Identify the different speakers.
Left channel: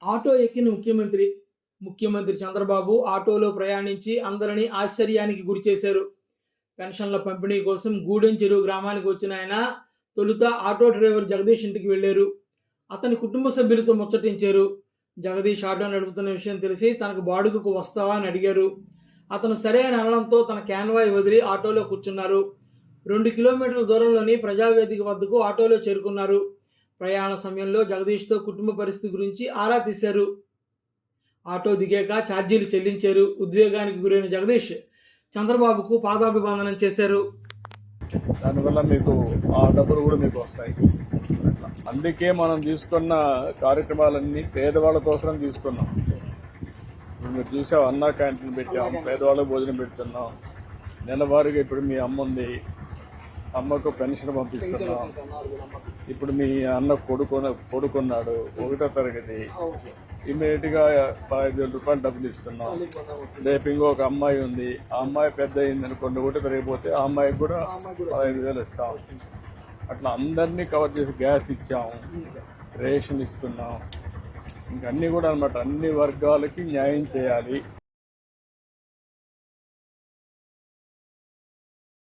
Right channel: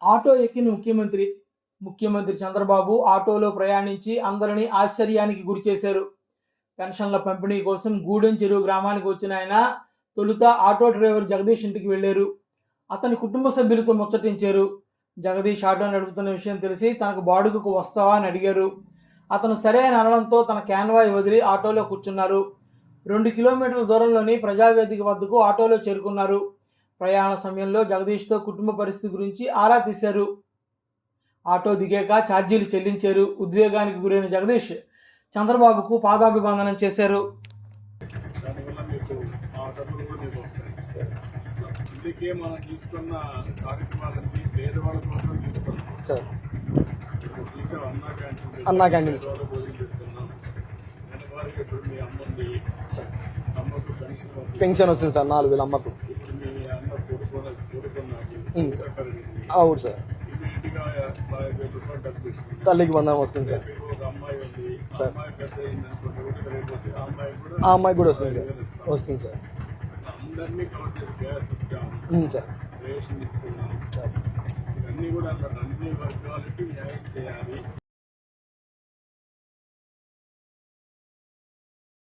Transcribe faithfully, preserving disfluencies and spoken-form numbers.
Speaker 1: Auto ఎక్కిన ముఖ్యమంత్రి ముఖ్యమంత్రి చంద్రబాబు ఆటోలో ప్రయాణించి అందరినీ ఆశ్చర్యానికి గురిచేశారు. పెన్షన్ల పంపిణీ కోసం గూడెం చెరువు గ్రామానికి వచ్చిన ఆయన తొలుత ఆటో డ్రైవర్ జగదీష్ ఇంటికి వెళ్ళారు. అతని కుటుంబ సభ్యులతో ముచ్చటించారు. జగదీష్ ఆటో నడుపుతున్న విషయం తెలిసి తనకు బాడుగకు వస్తావా అని అడిగారు. అతను సరే అని అనడంతో తన క్యాన్వాయ్ వదిలి ఆటోలో కూర్చున్నారు. రెండు కిలోమీటర్ల దూరంలోని ప్రజావేదిక వద్దకు ఆటోలో చేరుకున్నారు. ప్రయాణ సమయంలో జగదీష్తో కుటుంబ పరిస్థితి గురించి ఆరా తీశారు. ఆటో దిగాక ఛార్జీలు చెల్లించారు. ఉద్వేగానికి గురైన జగదీష్ చంద్రబాబుకు పాదాభివందనం చేశారు.
Speaker 2: దానివల్ల మీకు ఆ డబ్బులు కూడా మీకు వస్తాయి. అందుకే మనం తీసుకున్న కార్యక్రమాలన్నీ పేదవాళ్ళ కోసం తీసుకున్నాం సార్. మీరు చూసాం అన్నా క్యాంటీన్ పెట్టాం, పేదవాళ్ళకి భోజనం పెడుతున్నాం. నెలవారీగా ఇప్పుడు మీ అమ్మ ఉంది, అమ్మకు పెన్షన్ పంపిస్తాం.
Speaker 3: పెన్షన్ వస్తుంది సార్ నాలుగు వేల అమ్మకు.
Speaker 2: ఇప్పుడు మీ అన్న కొడుకున్న కొడుకున్నాడు ఒకటో తరగతి.
Speaker 3: అవును సార్.
Speaker 2: ఇమీడియట్ గా పదహైదు వేల రూపాయలు డబ్బులు ఇస్తున్నాం.
Speaker 3: తల్లికి బంధం వస్తుంది.
Speaker 2: రేపు ఇంకొక అమ్మాయి ఉంది, ఆ అమ్మాయి పెద్ద అయింది అనుకోండి, ఒకటి పెరిగిపోతే ఆ అమ్మాయికి కూడా
Speaker 3: ఆ అమ్మాయి కూడా
Speaker 2: ఐదు వేలు ఇస్తాం.
Speaker 3: వస్తుంది సార్.
Speaker 2: అట్లా అందరినీ కవర్ చేసి గ్యాస్ ఇచ్చాము
Speaker 3: సార్,
Speaker 2: రేషన్ ఇస్తున్నాం సార్. ఇంకా అన్ని కూడా అనమాట అన్ని వర్గాలకి న్యాయం చేయాలి.